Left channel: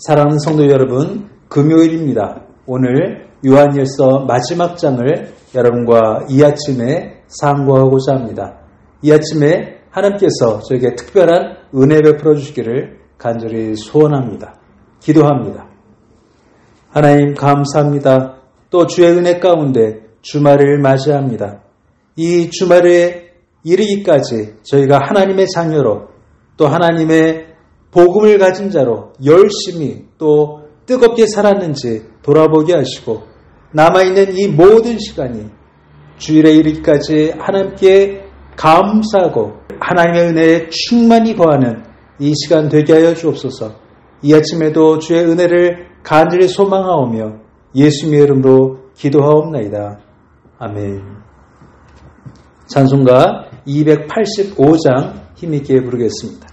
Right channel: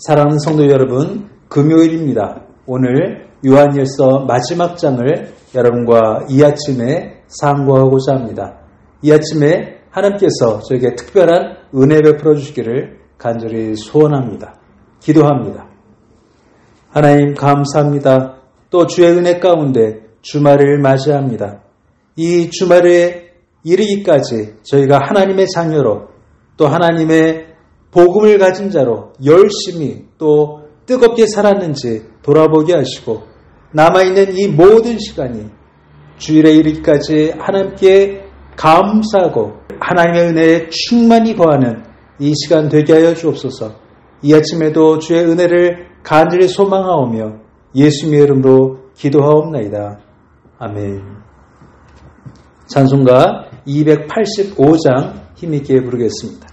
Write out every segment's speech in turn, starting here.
사랑하는 성도 여러분, 금요일입니다. 오늘 요한일서 마지막 장을 여러분과 이 아침에 상고하고자 합니다. 이 아침에 하나님께서 저에게 특별한 은혜 베풀어 주시기를 간절히 소원합니다. 기도합니다. 하나님 감사합니다. 또 주의 은혜 가운데 주말을 맞이합니다. 이 주말에 이르기까지 저희가 하나님의 자녀로 또 하나님의 복음을 가진 자로 열심히 또 뜨겁게 살았는지 돌아보게 하시고 남아있는 이 모든 시간이 주일에 이르기까지 하나님께 감사하고 하나님의 은혜에 충만히 거하는 이 시간 되게 하여 주옵소서. 이 아침에도 주의 은혜를 간절히 소망하오며 예수님의 이름으로 기도하옵나이다. 아멘. 찬송가 285장 힘있게 부르겠습니다.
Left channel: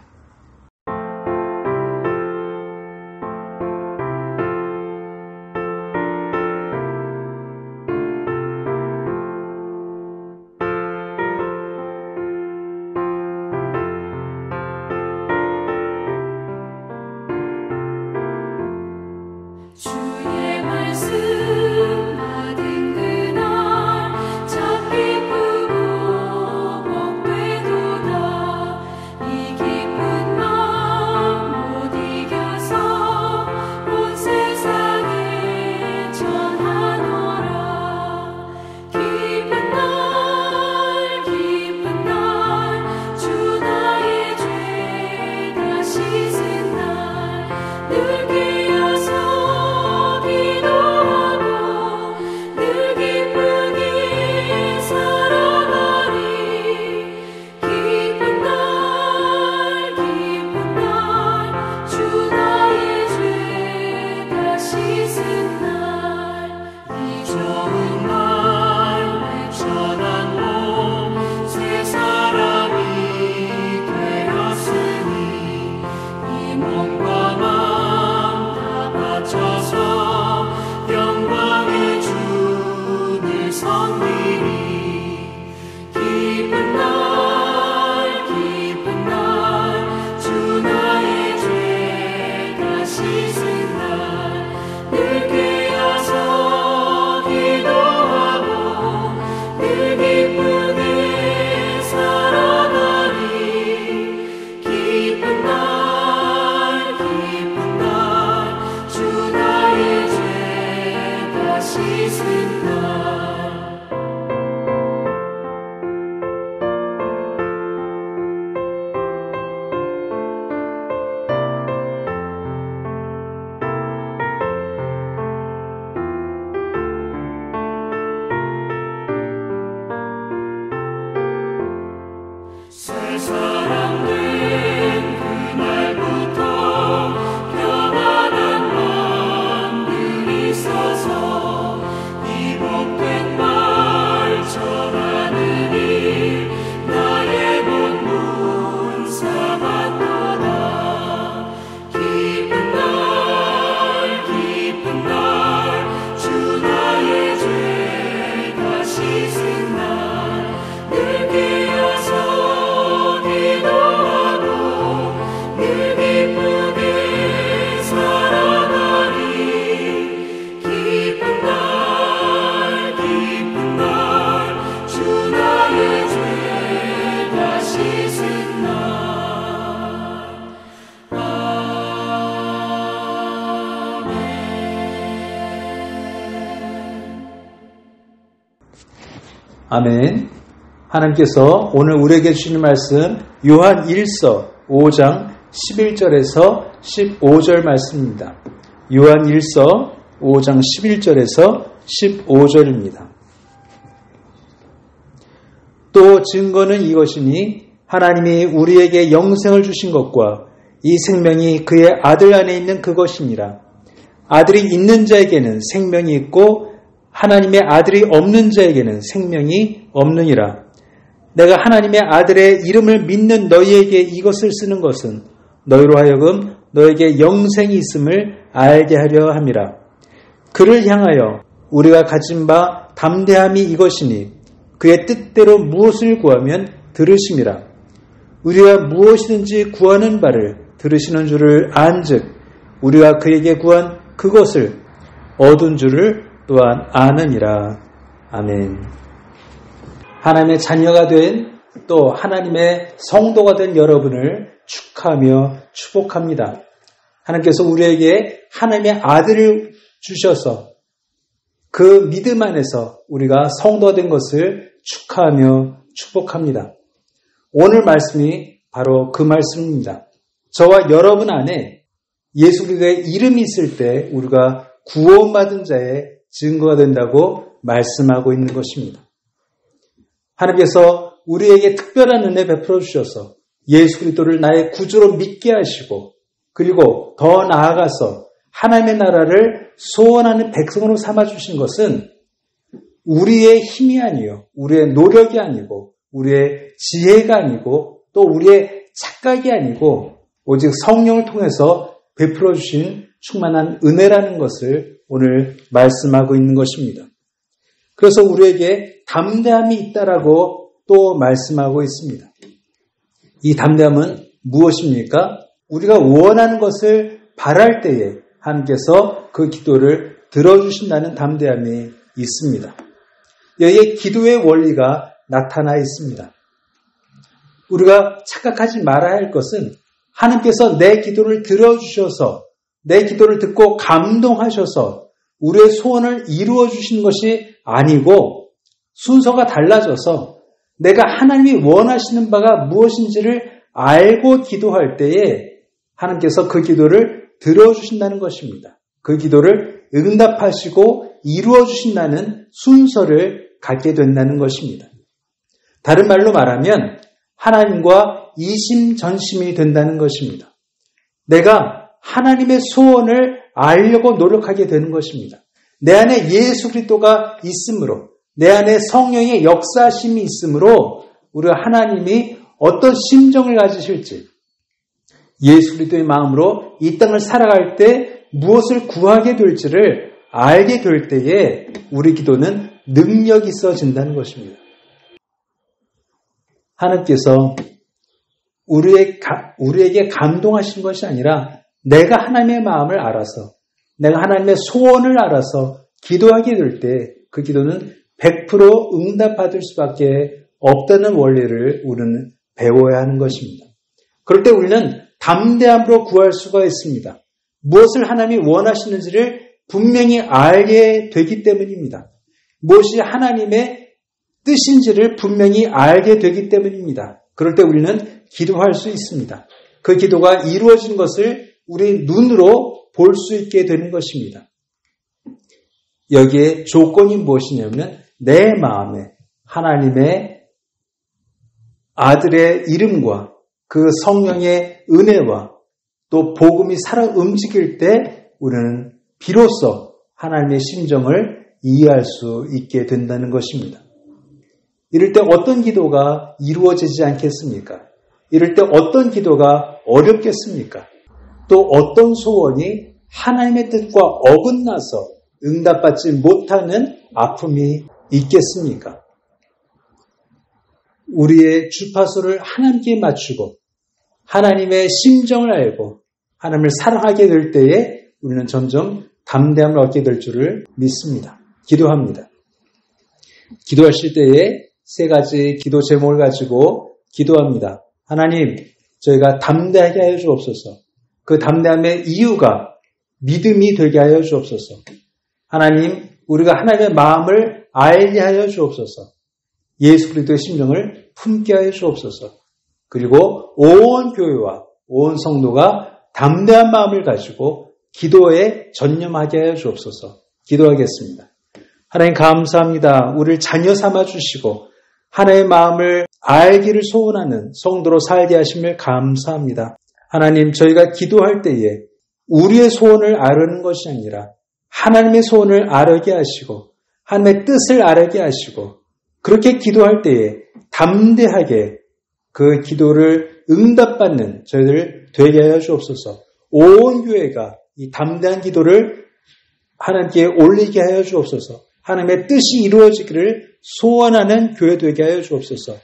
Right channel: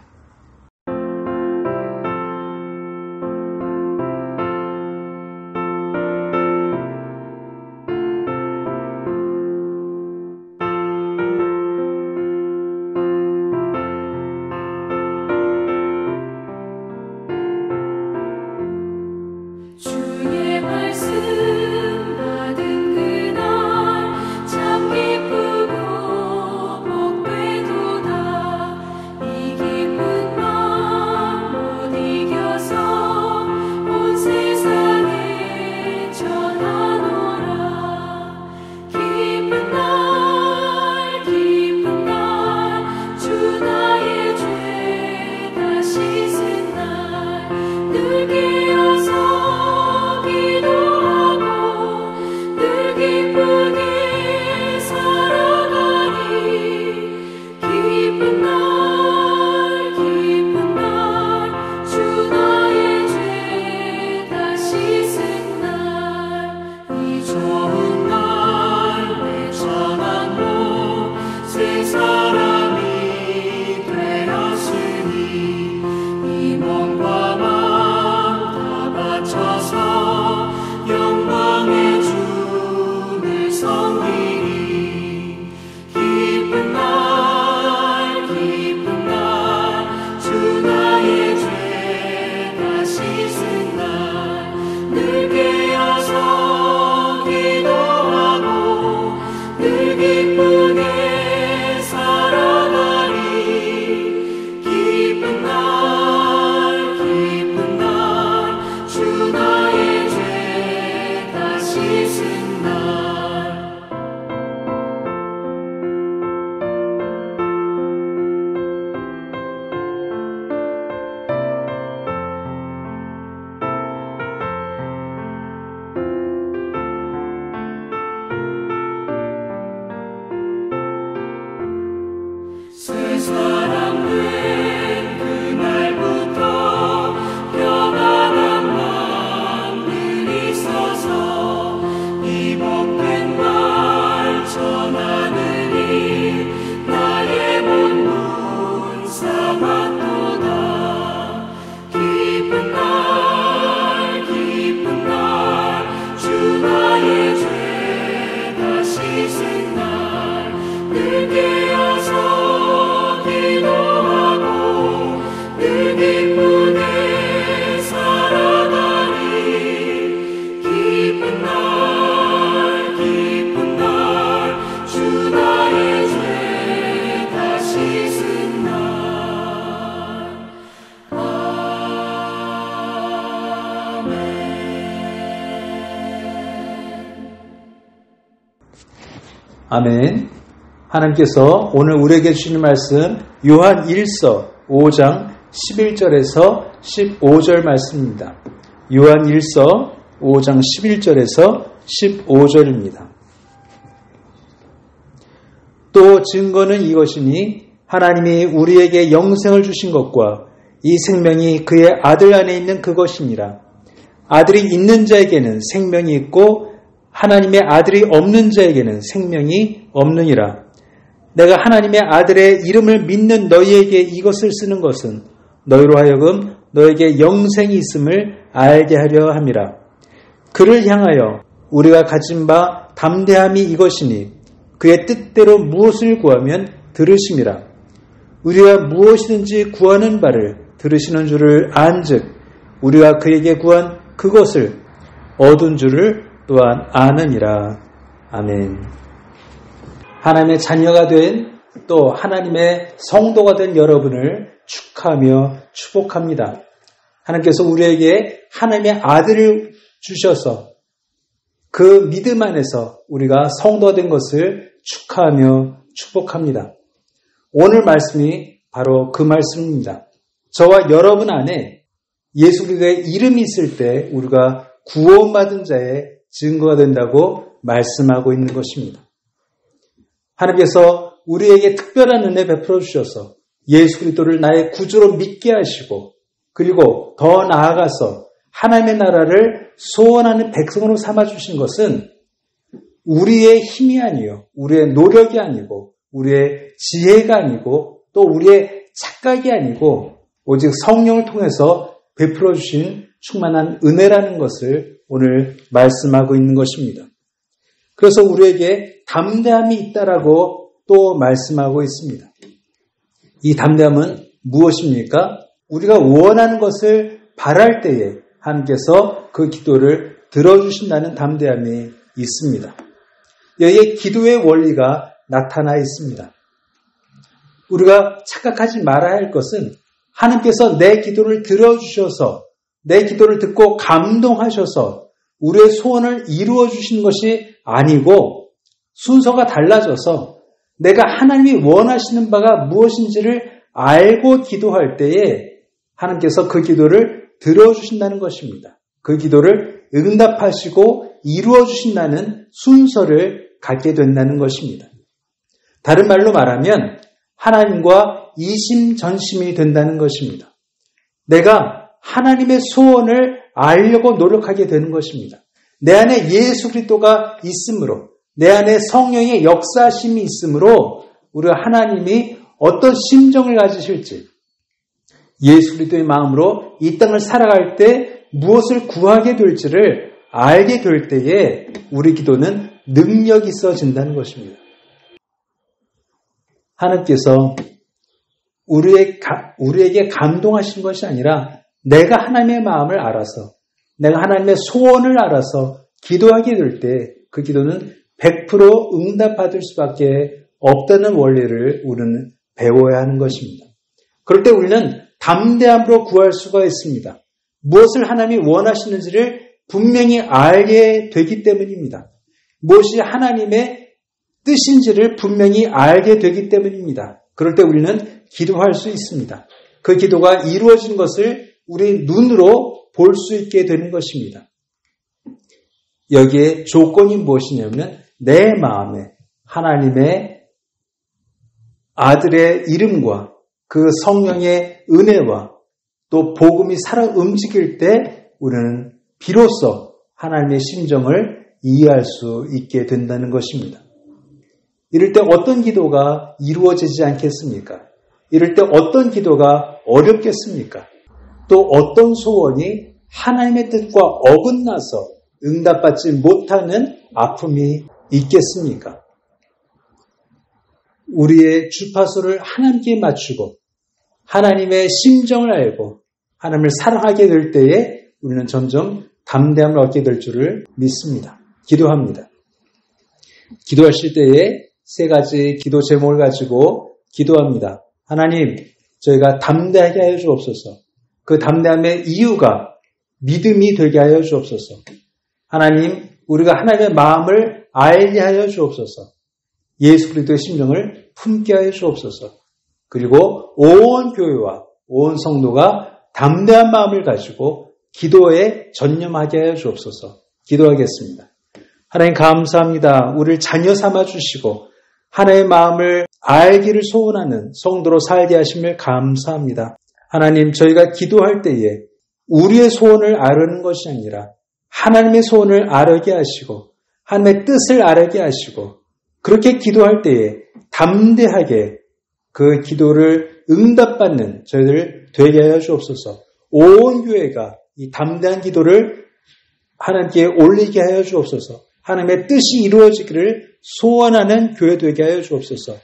아멘. 하나님께서 오늘 우리에게 주시는 말씀 요한 1서 5장 11절에서 15절 말씀입니다. 요한 1서 5장 11절에서 15절입니다. 또 증거는 이것이니 하나님이 우리에게 영생을 주신 것과 이 생명이 그의 아들 안에 있는 그것이니라. 아들이 있는 자에게는 생명이 있고 하나님의 아들이 없는 자에게는 생명이 없느니라. 내가 하나님의 아들의 이름을 믿는 너희에게 이것을 쓰는 것은 너희로 하여금 너에게 영생이 있음을 알게 하려 함이라. 그를 향하여 우리가 가진 바 담대함이 이것이니 그의 뜻대로 무엇을 구하면 들으심이라. 우리가 무엇이든지 구하는 바를 들으시는 줄을 안즉 우리가 그에게 구한 그것을 얻은 줄을 또한 아느니라. 아멘. 하나님의 자녀가 된 또 하나님의 성도가 된 여러분을 축하하며 축복합니다. 하나님께서 우리에게 하나님의 아들을 주셔서 그 믿음 안에서 우리가 성도가 된 것을 축하하며 축복합니다. 오늘 말씀이 바로 그 말씀입니다. 저와 여러분 안에 예수 그리스도의 이름이 있을 때 우리가 구원받은 자의 증거가 된다고 말씀하고 있는 것입니다. 하나님께서 우리에게 특별한 은혜 베풀어 주셔서 예수 그리스도를 나의 구주로 믿게 하시고 그리고 더 나아가서 하나님의 나라를 소원하는 백성으로 삼아주신 것은 우리의 힘이 아니요, 우리의 노력이 아니고 우리의 지혜가 아니고 또 우리의 착각이 아니고 오직 성령을 통해서 베풀어 주신 충만한 은혜라는 것을 오늘 말씀하고 있는 것입니다. 그래서 우리에게 담대함이 있다라고 또 말씀하고 있습니다. 이 담대함은 무엇입니까? 우리가 원하는 것을 바랄 때에 하나님께서 그 기도를 들어주신다는 담대함이 있습니다. 여기에 기도의 원리가 나타나 있습니다. 우리가 착각하지 말아야 할 것은 하나님께서 내 기도를 들어주셔서 내 기도를 듣고 감동하셔서 우리의 소원을 이루어 주시는 것이 아니고 순서가 달라져서 내가 하나님이 원하시는 바가 무엇인지를 알고 기도할 때에 하나님께서 그 기도를 들어주신다는 것입니다. 그 기도를 응답하시고 이루어 주신다는 순서를 갖게 된다는 것입니다. 다른 말로 말하면 하나님과 이심전심이 된다는 것입니다. 내가 하나님의 소원을 알려고 노력하게 되는 것입니다. 내 안에 예수 그리스도가 있으므로 내 안에 성령의 역사심이 있으므로 우리가 하나님이 어떤 심정을 가지실지 예수 그리스도의 마음으로 이 땅을 살아갈 때 무엇을 구하게 될지를 알게 될 때에 우리 기도는 능력이 있어진다는 것입니다. 하나님께서 우리에게 감동하신 것이 아니라 내가 하나님의 마음을 알아서 내가 하나님의 소원을 알아서 기도하게 될 때 그 기도는 100% 응답받을 수밖에 없다는 원리를 우리는 배워야 하는 것입니다. 그럴 때 우리는 담대함으로 구할 수가 있습니다. 무엇을 하나님이 원하시는지를 분명히 알게 되기 때문입니다. 무엇이 하나님의 뜻인지를 분명히 알게 되기 때문입니다. 그럴 때 우리는 기도할 수 있습니다. 그 기도가 이루어진 것을 우리 눈으로 볼 수 있게 되는 것입니다. 여기에 조건이 무엇이냐면 내 마음에 하나님의 아들의 이름과 그 성령의 은혜와 또 복음이 살아 움직일 때 우리는 비로소 하나님의 심정을 이해할 수 있게 된다는 것입니다. 이럴 때 어떤 기도가 이루어지지 않겠습니까? 이럴 때 어떤 기도가 어렵겠습니까? 또 어떤 소원이 하나님의 뜻과 어긋나서 응답받지 못하는 아픔이 있겠습니까? 우리의 주파수를 하나님께 맞추고 하나님의 심정을 알고 하나님을 사랑하게 될 때에 우리는 점점 담대함을 얻게 될 줄을 믿습니다. 기도합니다. 기도하실 때에 세 가지 기도 제목을 가지고 기도합니다. 하나님, 저희가 담대하게 하여 주옵소서. 그 담대함의 이유가 믿음이 되게 하여 주옵소서. 하나님, 우리가 하나님의 마음을 알게 하여 주옵소서. 예수 그리스도의 심정을 품게 하여 주옵소서. 그리고 온 교회와 온 성도가 담대한 마음을 가지고 기도에 전념하게 하여 주옵소서. 기도하겠습니다. 하나님 감사합니다. 우리를 자녀 삼아 주시고 하나님의 마음을 알기를 소원하는 성도로 살게 하심을 감사합니다. 하나님, 저희가 기도할 때에 우리의 소원을 아르는 것이 아니라 하나님의 소원을 아르게 하시고 하나님의 뜻을 아르게 하시고 그렇게 기도할 때에 담대하게 그 기도를 응답받는 저희들 되게 하여 주옵소서. 온 교회가 이 담대한 기도를 하나님께 올리게 하여 주옵소서. 하나님의 뜻이 이루어지기를 소원하는 교회 되게 하여 주옵소서.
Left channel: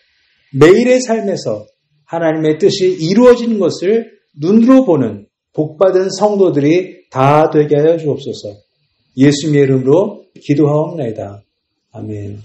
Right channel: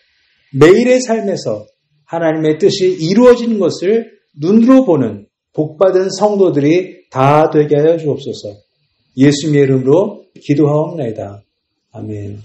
매일의 삶에서 하나님의 뜻이 이루어지는 것을 눈으로 보는 복받은 성도들이 다 되게 하여 주옵소서. 예수님의 이름으로 기도하옵나이다. 아멘.